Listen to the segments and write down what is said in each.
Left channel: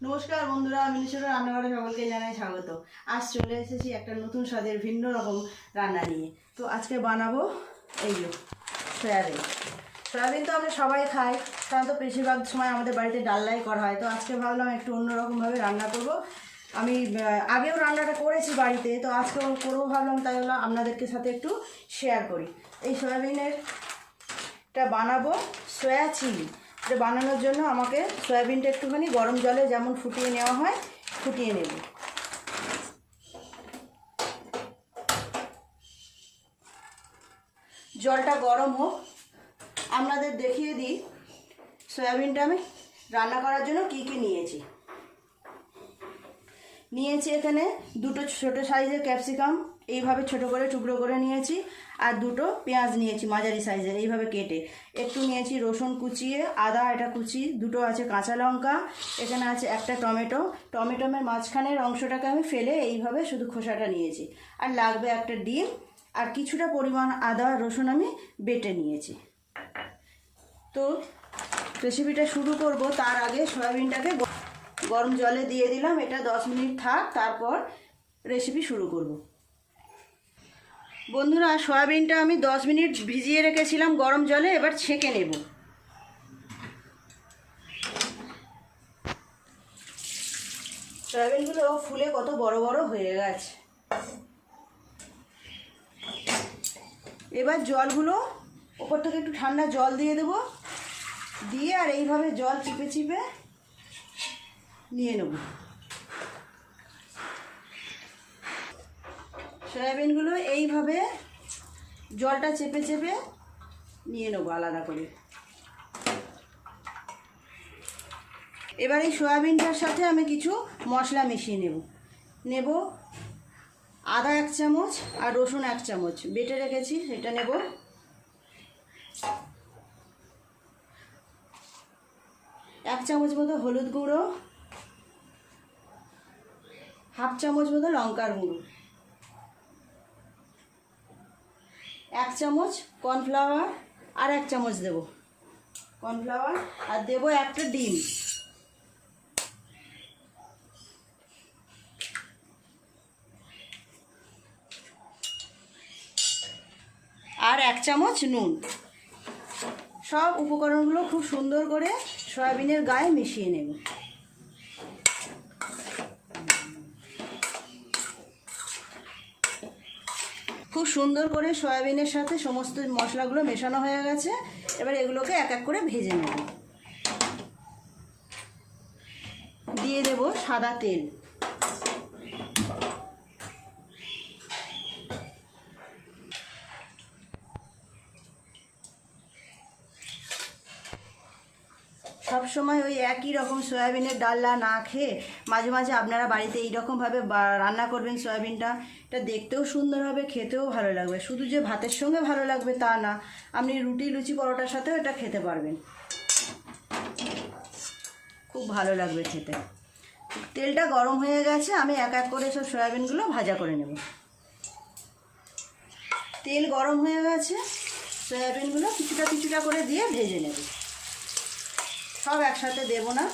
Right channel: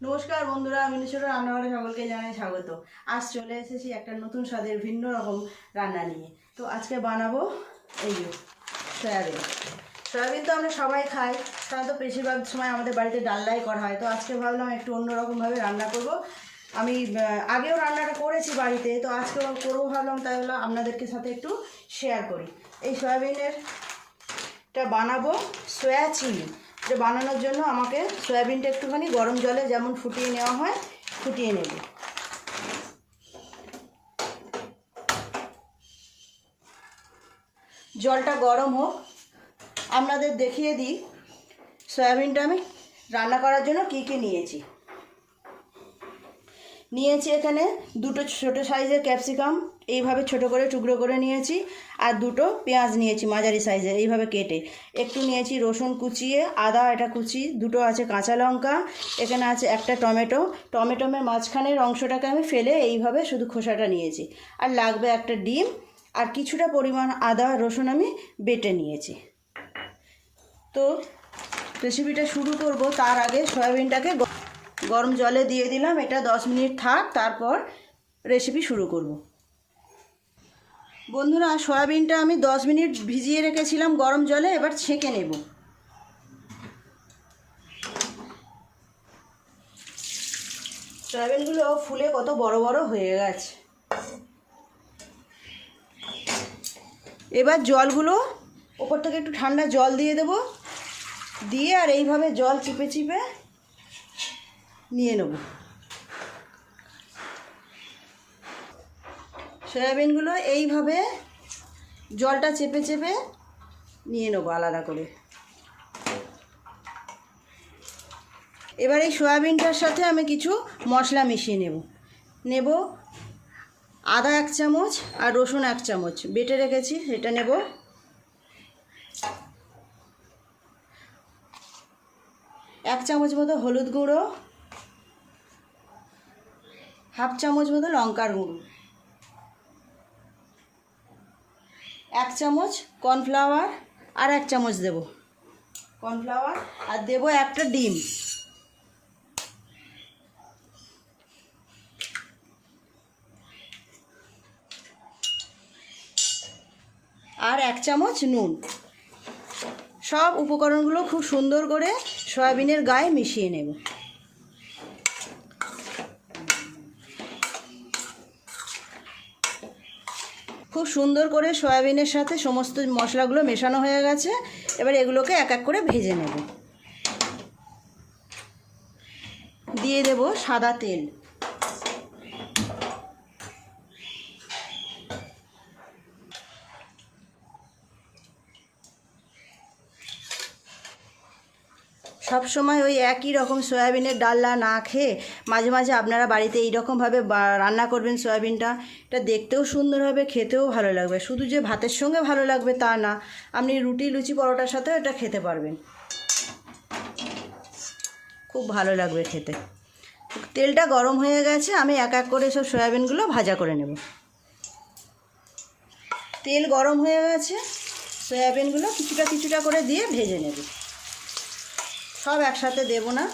নমস্কার বন্ধুরা, মিনিশোর রান্নাঘরে সকলকে জানাই স্বাগত। আজ চলে এসেছি একটা নতুন স্বাদের ভিন্ন রকম রান্না নিয়ে। তো আজকে বানাবো এই সয়াবিন। সয়াবিন তো আমরা সবাই খাই, সাধারণত বেশিরভাগ সময় আমাদের বাড়িতে ডালনাই করা হয়। তো আজকে ভাবলাম একটু অন্যরকমভাবে রান্না করব। আমি আগেও রান্নাটা করেছি বাড়িতে, তো আজকে করবো ভাবলাম, তাই হলো আপনাদেরকে সাথে একটু শেয়ার করি। এই সয়াবিনেরটা বানাবো সয়া চিলি। এটা বানানোর জন্য আমাকে সয়াবিনটা একটুখানি গরম জলে যেমন ফুটিয়ে নেওয়া হয় ফুটিয়ে নেব। জলটা গরম হোক, আপনাদের দেখিয়ে দিই সয়াবিনটা আমি রান্না করার জন্য কি কি নিয়েছি। এখানে দুটো ছোটো সাইজের ক্যাপসিকাম এইভাবে ছোট করে টুকরো করে নিয়েছি, আর দুটো পেঁয়াজ নিয়েছি মাঝারি সাইজের এইভাবে কেটে। একটু নিয়েছি রসুন কুচিয়ে, আদা এটা কুচি, দুটো আছে কাঁচা লঙ্কা, এখানে আছে একটা টমেটোর মাঝখানের অংশটাকে আমি ফেলে এইভাবে শুধু খোসাটা নিয়েছি। আর লাগবে একটা ডিম, আর কিছুটা পরিমাণ আদা রসুন আমি বেটে নিয়েছি। তো রেসিপিটা শুরু করব, তার আগে সয়াবিনটাকে গরম জলে দিয়ে দিলাম। এটা 10 মিনিট থাক, তারপর রেসিপি শুরু করব। বন্ধুরা, সয়াবিনটা আমি 10 মিনিট ভিজিয়ে রেখেছিলাম গরম জলে, এবার ছেঁকে নেব। সয়াবিনগুলো ফুলে কত বড় বড় হয়ে গেছে। এবার জলগুলো ওপর থেকে একটু ঠান্ডা জল দিয়ে দেব, দিয়ে আর এইভাবে জল চিপে চিপে নিয়ে নেব। সয়াবিনগুলো এইভাবে জলটা চেপে চেপে নিয়ে নেব আলাদা করে। এবার এই সয়াবিনটার সাথে আমি কিছু মশলা মিশিয়ে নেব। আদা 1 চামচ আর রসুন 1 চামচ বেটে রেখেছি, এটা নেব। এক চামচ মতো হলুদ গুঁড়ো, হাফ চামচ মতো লঙ্কার গুঁড়ো, 1 চামচ কর্নফ্লাওয়ার, আর 1 চামচ দেব কর্নফ্লাওয়ার, আর দেব একটা ডিম, আর 1 চামচ নুন। সব উপকরণগুলো খুব সুন্দর করে সয়াবিনের গায়ে মিশিয়ে নেব। খুব সুন্দর করে সয়াবিনের সাথে সমস্ত মশলাগুলো মেশানো হয়ে গেছে। এবার এগুলোকে এক এক করে ভেজে নেব। দিয়ে দেব সাদা তেল। সব সময় ওই একই রকম সয়াবিনের ডালনা না খেয়ে মাঝে মাঝে আপনারা বাড়িতে এইরকমভাবে রান্না করবেন সয়াবিনটা। এটা দেখতেও সুন্দর হবে, খেতেও ভালো লাগবে। শুধু যে ভাতের সঙ্গে ভালো লাগবে তা না, আপনি রুটি লুচি পরোটার সাথেও এটা খেতে পারবেন, খুব ভালো লাগবে খেতে। তেলটা গরম হয়ে গেছে, আমি এক এক করে সব সয়াবিনগুলো ভাজা করে নেব। তেল গরম হয়ে গেছে, সয়াবিনগুলো কিছুটা কিছুটা করে দিয়ে ভেজে নেব। সব একসাথে দেব না।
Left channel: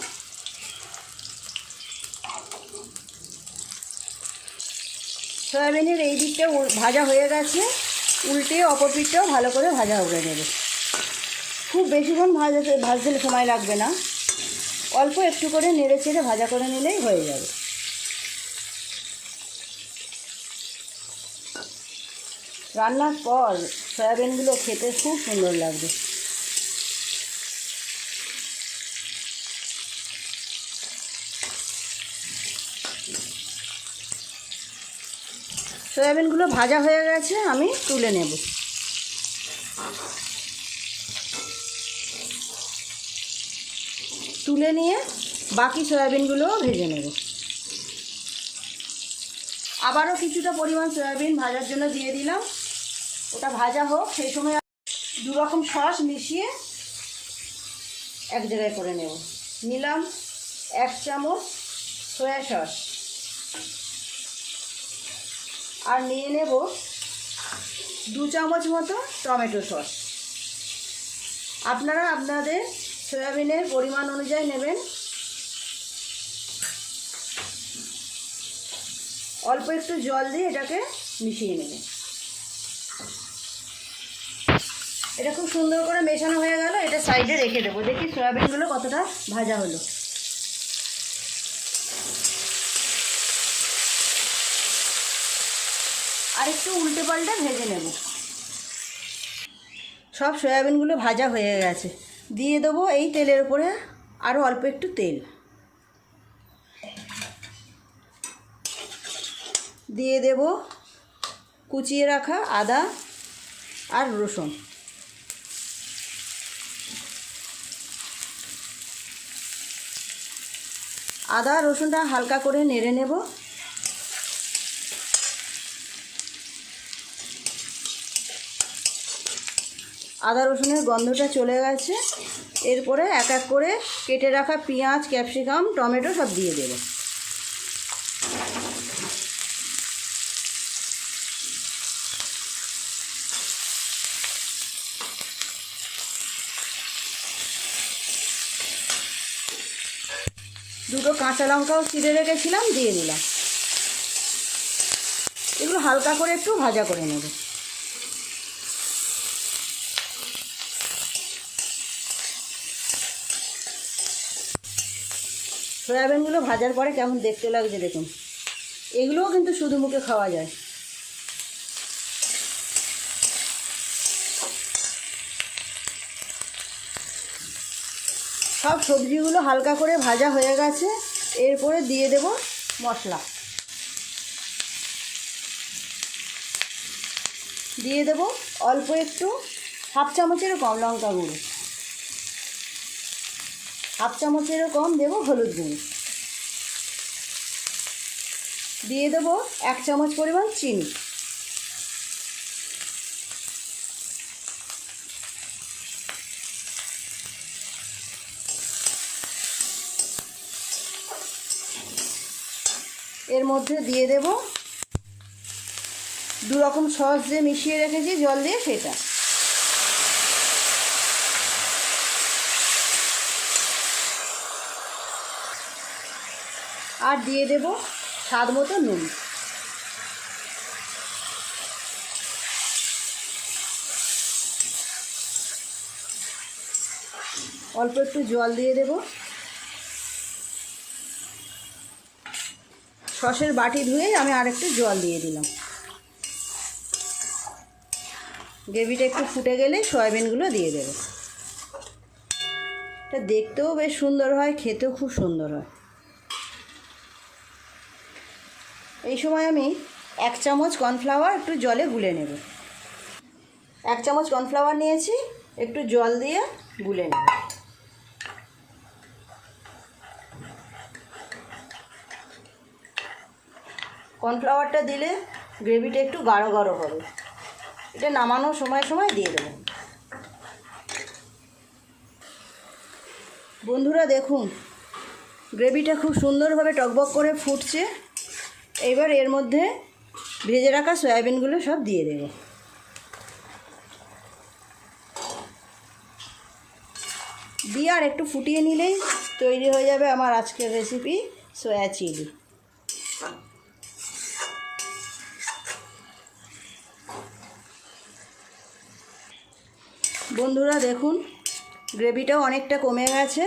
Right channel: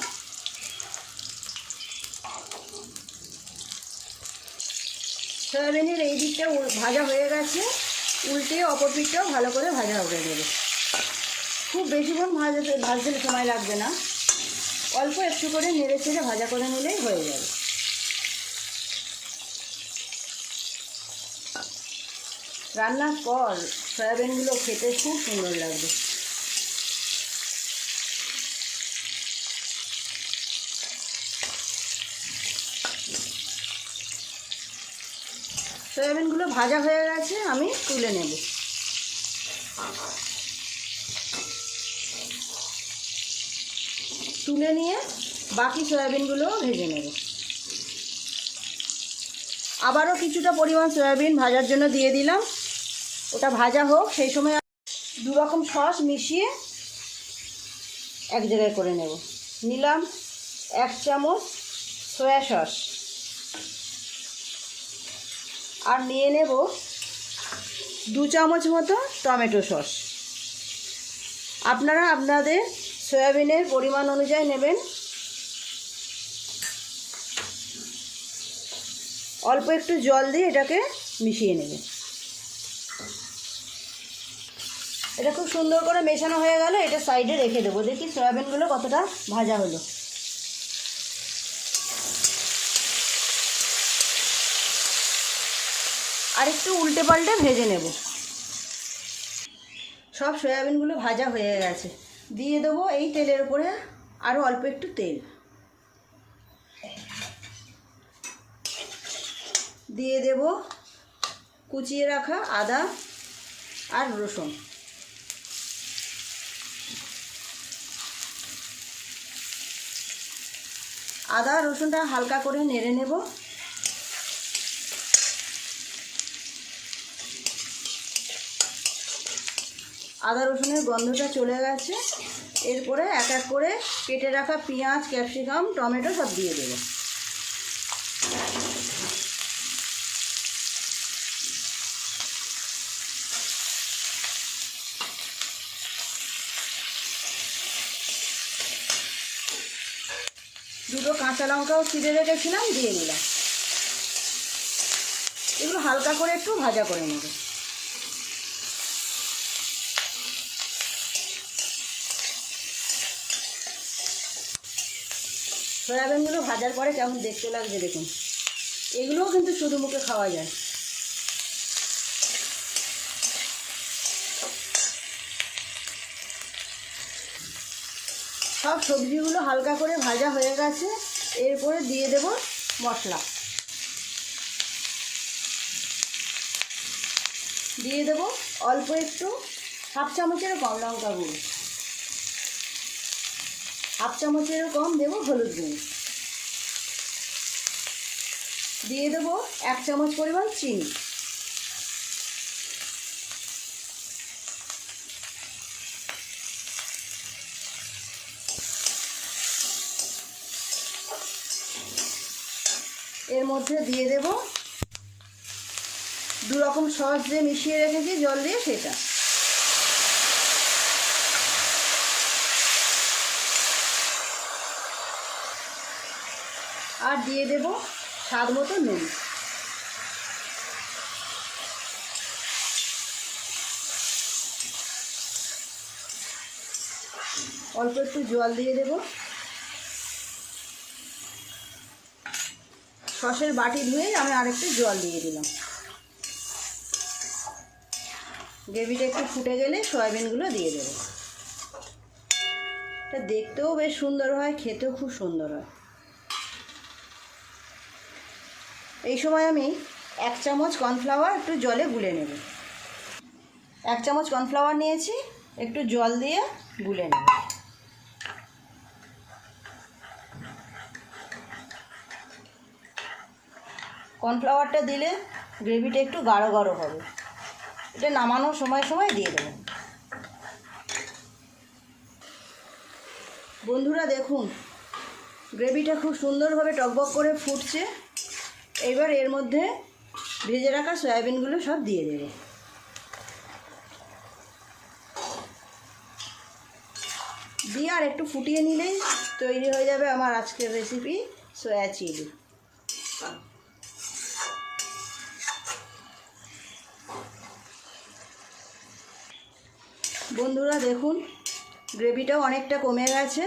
সয়াবিনের এই দিকটাও ভাজা হয়ে গেছে, উল্টে অপর দিকটাও ভালো করে ভাজা করে নেব। খুব বেশিক্ষণ ভাজতে সময় লাগবে না, অল্প একটু করে নেড়ে চেড়ে ভাজা করে নিলেই হয়ে যাবে। রান্নার পর সয়াবিনগুলো খেতে খুব সুন্দর লাগবে। সয়াবিনগুলো ভাজা হয়ে গেছে, আমি তুলে নেব। তুলে নিয়ে বাকি সয়াবিনগুলোও ভেজে নেব। আবারও কিছুটা পরিমাণ সয়াবিন ভাজার জন্য দিয়ে দিলাম, ওটা ভাজা হোক। সেই সময় 2 রকম সস মিশিয়ে এক জায়গায় করে নেব। নিলাম 1 চামচ সয়া সস, আর নিয়ে নেব 2 চামচ মতো টমেটো সস। আপনারা আপনাদের সয়াবিনের পরিমাণ অনুযায়ী নেবেন। অল্প একটু জল দিয়ে এটাকে মিশিয়ে নেবে। এটা খুব সুন্দর করে মেশানো হয়ে গেল, এটা সাইডে রেখে দেবো। দেখি সয়াবিনগুলো কতটা ভাজা হলো। আর একটু উল্টে পাল্টে ভেজে নেব। সব সয়াবিনগুলো ভাজা হয়ে গেছে। দিয়ে দেবো এই তেলের উপরে আরও অল্প একটু তেল। দিয়ে দেব কুচিয়ে রাখা আদা আর রসুন। আদা রসুনটা হালকা করে নেড়ে নেব। আদা রসুনের গন্ধটা চলে গেছে। এরপরে এক এক করে কেটে রাখা পেঁয়াজ, ক্যাপসিকাম, টমেটো সব দিয়ে দেব। দুটো কাঁচা লঙ্কাও চিড়ে রেখেছিলাম, দিয়ে দিলাম। এগুলো হালকা করে একটু ভাজা করে নেব। সয়াবিনগুলো ভাজার পরে কেমন দেখতে লাগছে দেখুন। এগুলোও কিন্তু শুধু মুখে খাওয়া যায়। সব সবজিগুলো হালকা করে ভাজা হয়ে গেছে। এরপরে দিয়ে দেব মশলা। দিয়ে দেব অল্প একটু, হাফ চামচেরও কম লঙ্কা গুঁড়ো, হাফ চামচেরও কম দেব হলুদ গুঁড়ো। দিয়ে দেব 1 চামচ পরিমাণ চিনি। এর মধ্যে দিয়ে দেব 2 রকম সস যে মিশিয়ে রেখেছি জল দিয়ে, সেটা। আর দিয়ে দেব স্বাদ মতো নুন। অল্প একটু জল দিয়ে দেব। সসের বাটি ধুয়ে আমি আরেকটু জল দিয়ে দিলাম। গ্রেভিটা একটু ফুটে গেলে সয়াবিনগুলো দিয়ে দেব। এটা দেখতেও বেশ সুন্দর হয়, খেতেও খুব সুন্দর হয়। এই সময় আমি 1 চামচ কর্নফ্লাওয়ার একটু জলে গুলে নেব। 1 চামচ কর্নফ্লাওয়ার নিয়েছি, একটু জল দিয়ে গুলে নেব। কর্নফ্লাওয়ারটা দিলে গ্রেভিটা একটু গাঢ় গাঢ় হবে। এটা নামানোর সময় সময় দিয়ে দেবো। বন্ধুরা দেখুন, গ্রেভিটা খুব সুন্দরভাবে টকবক করে ফুটছে। এবার এর মধ্যে ভেজে রাখা সয়াবিনগুলো সব দিয়ে দেব। দিয়ে আর একটু ফুটিয়ে নিলেই তৈরি হয়ে যাবে আমার আজকের রেসিপি সয়া চিলি। বন্ধুরা দেখুন, গ্রেভিটাও অনেকটা কমে গেছে।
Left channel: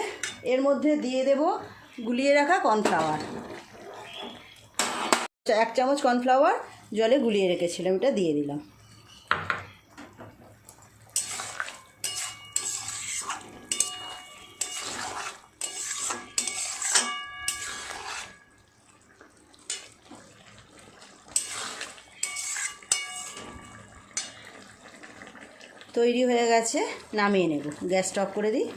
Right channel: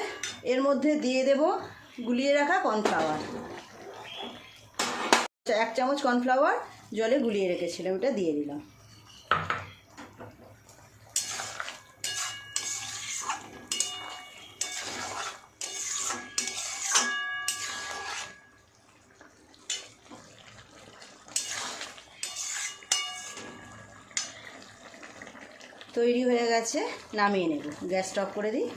এর মধ্যে দিয়ে দেব গুলিয়ে রাখা কর্নফ্লাওয়ার। 1 চামচ কর্নফ্লাওয়ার জলে গুলিয়ে রেখেছিলাম, এটা দিয়ে দিলাম। তৈরি হয়ে গেছে, নামিয়ে নেব। গ্যাস অফ করে দিই।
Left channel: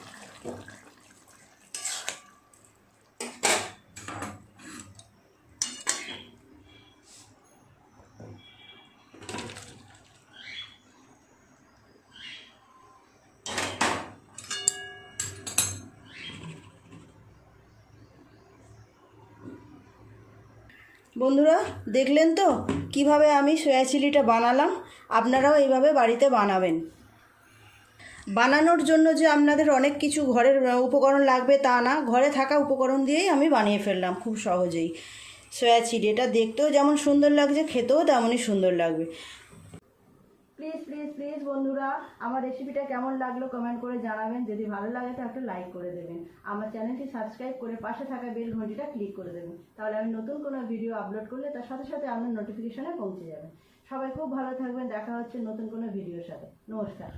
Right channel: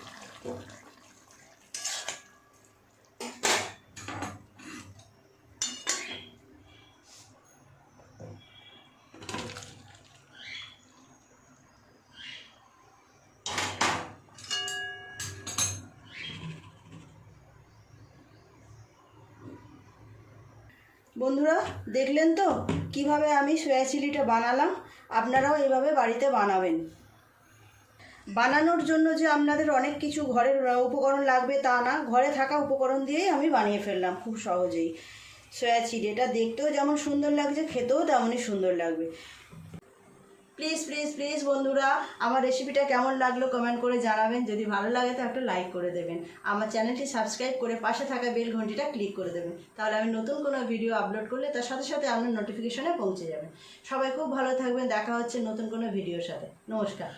বন্ধুরা দেখলেন তো কিভাবে আমি সয়া চিলিটা বানালাম। আপনারাও এইভাবে বাড়িতে বানাবেন। বানানোর জন্য যে আপনাদের অনেক কিছু ঘরের উপকরণ লাগবে তা না, ঘরে থাকা উপকরণ দিয়েই আমি বানিয়ে ফেললাম খুব সহজেই। Soya chilli. এটা দেখতেও যেমন সুন্দর লাগছে, খেতেও তেমনই সুন্দর লাগবে। প্লিজ প্লিজ প্লিজ বন্ধুরা, আমার রেসিপিটা কেমন লাগলো কমেন্ট করে জানাবেন। যদি ভালো লাগে তো একটা লাইক করে দেবেন। আমার চ্যানেলটি সাবস্ক্রাইব করে পাশে থাকা বেল ঘন্টিটা ক্লিক করে দেবেন। তাহলে আমি নতুন কোনো ভিডিও আপলোড করলে তার সাথে সাথে আপনার নোটিফিকেশনে পৌঁছে যাবে। সবাই খুব ভালো থাকবেন। দেখা হচ্ছে নতুন কোনো ভিডিওর সাথে। নমস্কার।